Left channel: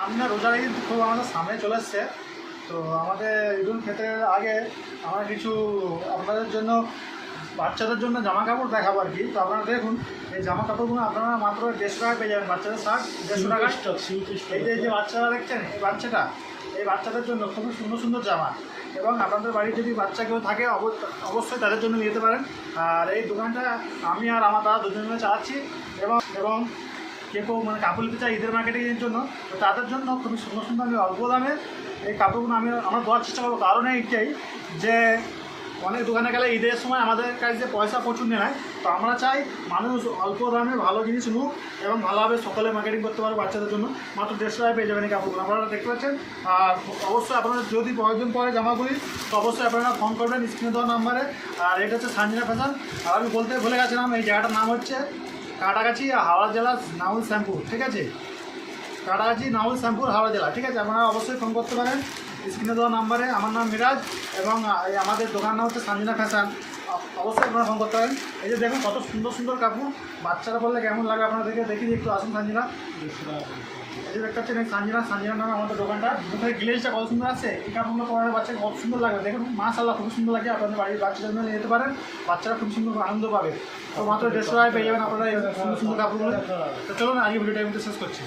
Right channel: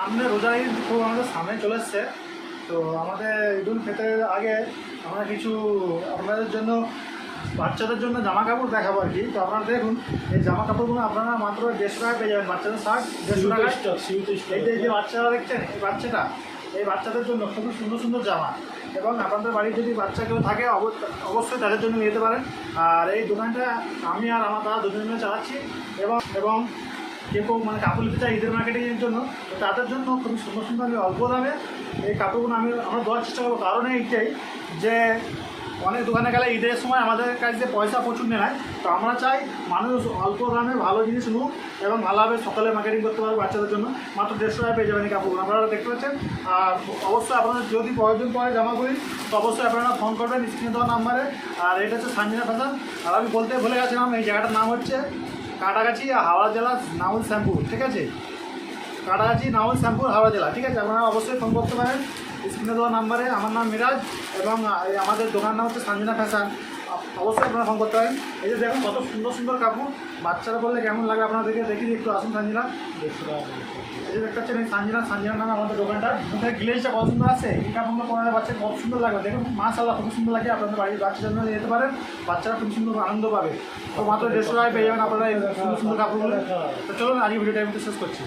সামনে রোজার ঈদ তো আমাদের সামনে চলে এসছে। তো আমাদের ঈদুল ফিতরের আগে আমরা কিছু আপনাদের জন্য বাচ্চাদের জন্য জামা কাপড় দেখাবো আর কি। তো আপনারা দেখুন, এই জামা কাপড়গুলো আপনারা মাত্র 150 টাকা পেয়ে যাবেন। বাচ্চাদের শার্ট 150 টাকা। এই যে বাচ্চারা দেখছেন, এই বাচ্চাদের জন্য খুবই সুন্দর সুন্দর জামা। এবং আপনাদের বাড়ির যদি বাচ্চা কেউ থাকে অবশ্যই তাদের জন্য নিতে পারেন। আর এই দোকানটা আমি আর আমার দাদা দুজন মিলে চালাচ্ছি। এবং কেউ মানে কাপড় নিতে চাই ঈদের মার্কেটিংয়ের জন্য, তো তাদের জন্য খুবই সুন্দর সুন্দর আমি অল্প দামে এই কাপড়গুলো আমরা দেওয়ার চেষ্টা করবো। কারণ এইটাই যে অনেক দোকানে গেলে ঈদের সময় আমাদের কাছে পয়সা প্রচুর নেয়। তো আমরা চাই মানুষ অল্প দামে ভালো জিনিস নিক এবং ভালোভাবে সকালে মার্কেটিং করতে পারবে। বাচ্চাদের জন্য মাত্র 150 টাকায় পেয়ে যাবেন এই কাপড়গুলো, আপনারা দেখতে পাচ্ছেন। আর অবশ্যই আপনাদের যদি প্রয়োজন পড়ে জামাগুলি, তো অবশ্যই আপনারা ফোন করবেন স্ক্রিনে দেওয়া নাম্বারে। আর এটা হচ্ছে সানজিনা ফ্যাশন। আর আমি বলতে ভুলে গেছিলাম, এই জায়গাটার নাম হচ্ছে কাটাগাছি, হাওড়া জেলা, নাউল শ্যাম্পুর। ঠিক আছে, কাটাগাছি নাউল শ্যাম্পুর, হাওড়া জেলা। ঠিক আছে, আপনারা অবশ্যই ফোন করতে পারেন স্ক্রিনে দেওয়া নাম্বারে। আমার নাম মিরাজ এবং আমাদের দোকান নাম হচ্ছে সানজিনা ফ্যাশন। অবশ্যই আপনারা ফোন করতে পারেন। এই যে দেখুন কত সুন্দর সুন্দর কাপড়, বাচ্চারা বললে কেমন লাগে আপনারা দেখি একটু আসুন সানজিনা। এই যে দেখতে পাচ্ছেন এই সানজিনার নামে আমাদের দোকানটা। মুখের গ্লেজটা কত সুন্দর আছে, এই কাপড়গুলো পরে বাচ্চাকে কত সুন্দর লাগবে দেখুন। মাশাআল্লাহ খুব সুন্দর লাগে। আপনাদের বাড়ির বাচ্চাদের জন্য যেতে পারেন, বাচ্চারা খুব সুন্দর আনন্দ পাবে। তো মাত্র 150 টাকায় পেয়ে যাবেন আপনারা এই সুন্দর সুন্দর কাপড়গুলো। তো চলুন আজকে ভিডিওটা শেষ করছি।